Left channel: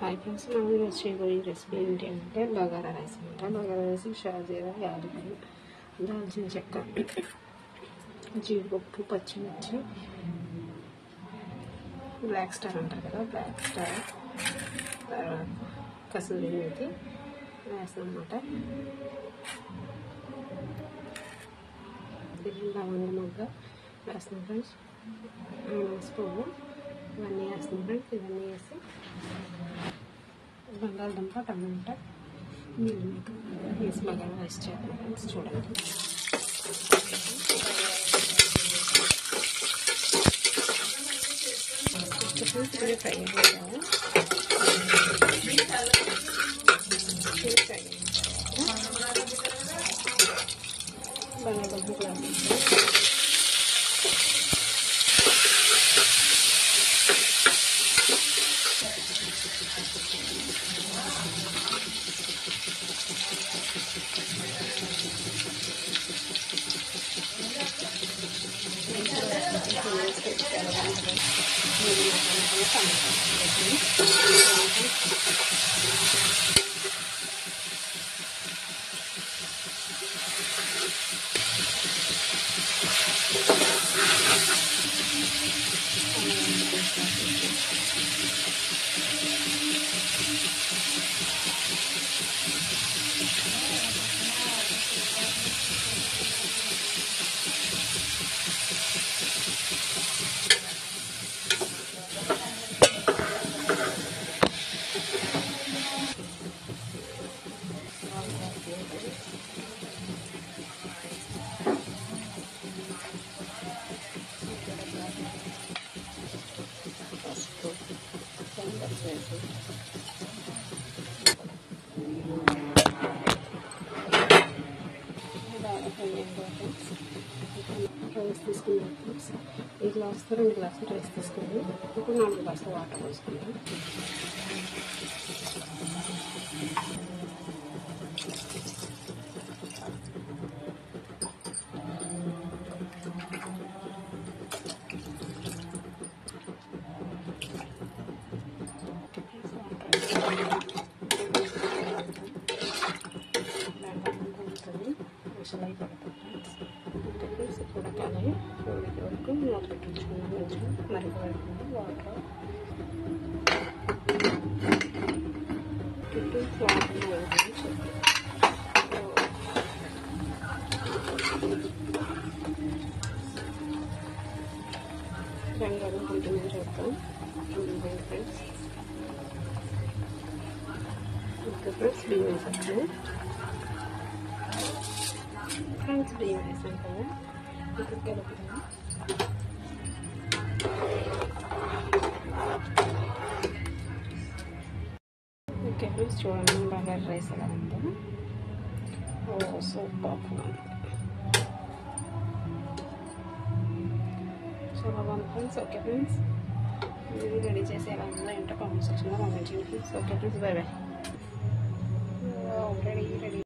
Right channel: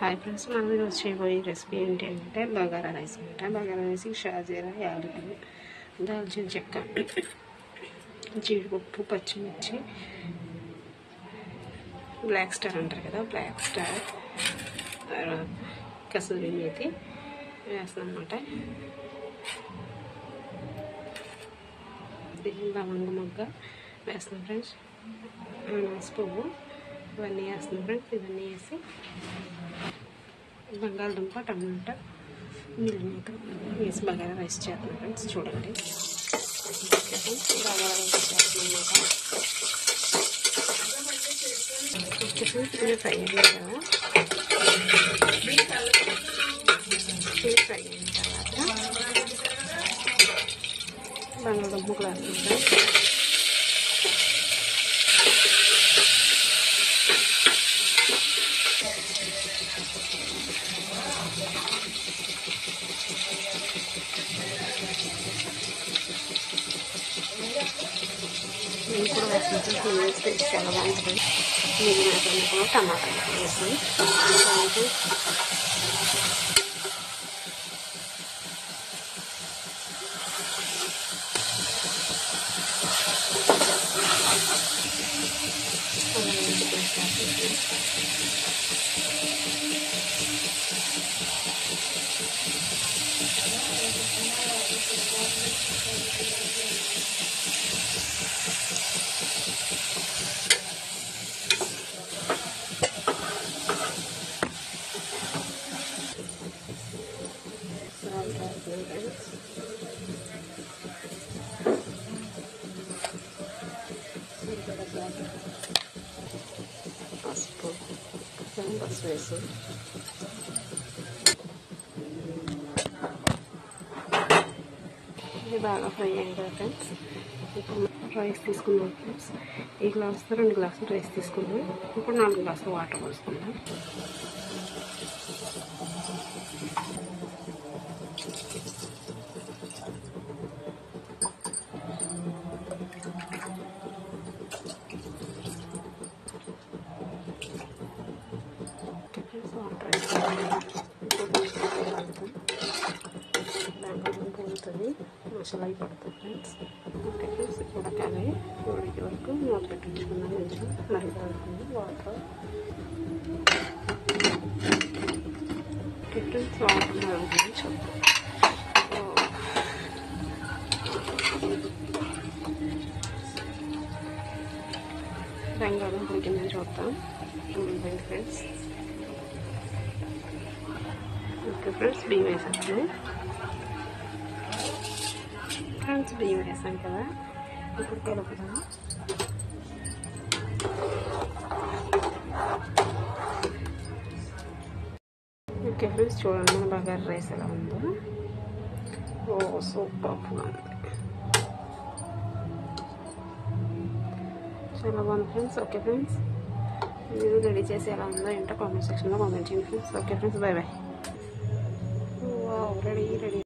Hi friends, మనం ఈరోజు చేయబోయే రెసిపీ ఏంటి అంటే బగారా రైస్ అనమాట. బగారా రైస్కి షాజీరా, యాలకులు, దాల్చిన చెక్క, జీడిపప్పు, పచ్చిమిర్చి, బ్లాక్ స్టార్ అంటారు కదా, బ్లాక్ స్టార్, కసూరి మేతి వేస్తాం అన్నమాట. లవంగ మొగ్గ వేస్తాం ఫ్రెండ్స్, పువ్వు ఇవన్నీ వేస్తాం ఫ్రెండ్స్. ఇవన్నీ వేసి బంగాళదుంప, టమాటా, మిల్లిమేక వేసి బగారా రైస్ చేస్తాం ఫ్రెండ్స్. చూడండి, ఇది ఫ్రై అయ్యింది కదా, ఇది ఫ్రై అయిన తర్వాత బంగాళదుంప క్లాస్ నేను కూడా వేసుకుంటే వేస్తే చాలా బాగుంటుంది. మీరు వేసుకుంటున్న టమాటా వేసుకొని వేసి ఇది బాగా ఫ్రై అయింది కదా ఫ్రెండ్స్. ఇప్పుడు రైస్ తీసుకున్నాం ఫ్రెండ్స్. ఈ గ్లాస్తో 2 గ్లాసులు రైస్ తీసుకున్నాం. ఇప్పుడు 4 గ్లాసులు వాటర్ పోసుకుందాం. మసాలా పడుతుంది ఫ్రెండ్స్. ఓకే ఫ్రెండ్స్, ఉడకాలి. ఉడికే వరకు మూత పెట్టించుకున్నాం. కొంచెం మరిగి వరకు వాటర్ ఫ్రెండ్స్. వాటర్ మరుగుతుంది చూద్దాం. బంగాళదుంప ఉడికిందని చూద్దాం. ఉడికిపోయింది ఫ్రెండ్స్. ఓకే ఫ్రెండ్స్, బియ్యం వేసేస్తాను ఫ్రెండ్స్. బియ్యం వేసాం కదా, ఇప్పుడు కలుపుతాము. ఓకే ఫ్రెండ్స్, చూడండి బగారా రైస్ ఎలా ఉందో. ఓ సూపర్ ఉంది, చాలా బాగుంది ఫ్రెండ్స్. ఓకే ఫ్రెండ్స్, మీరు రెడీ చేసి ఎలా ఉందో ఏంటో కామెంట్ సెక్షన్లో కామెంట్ చేయండి friends. Okay friends, bye bye.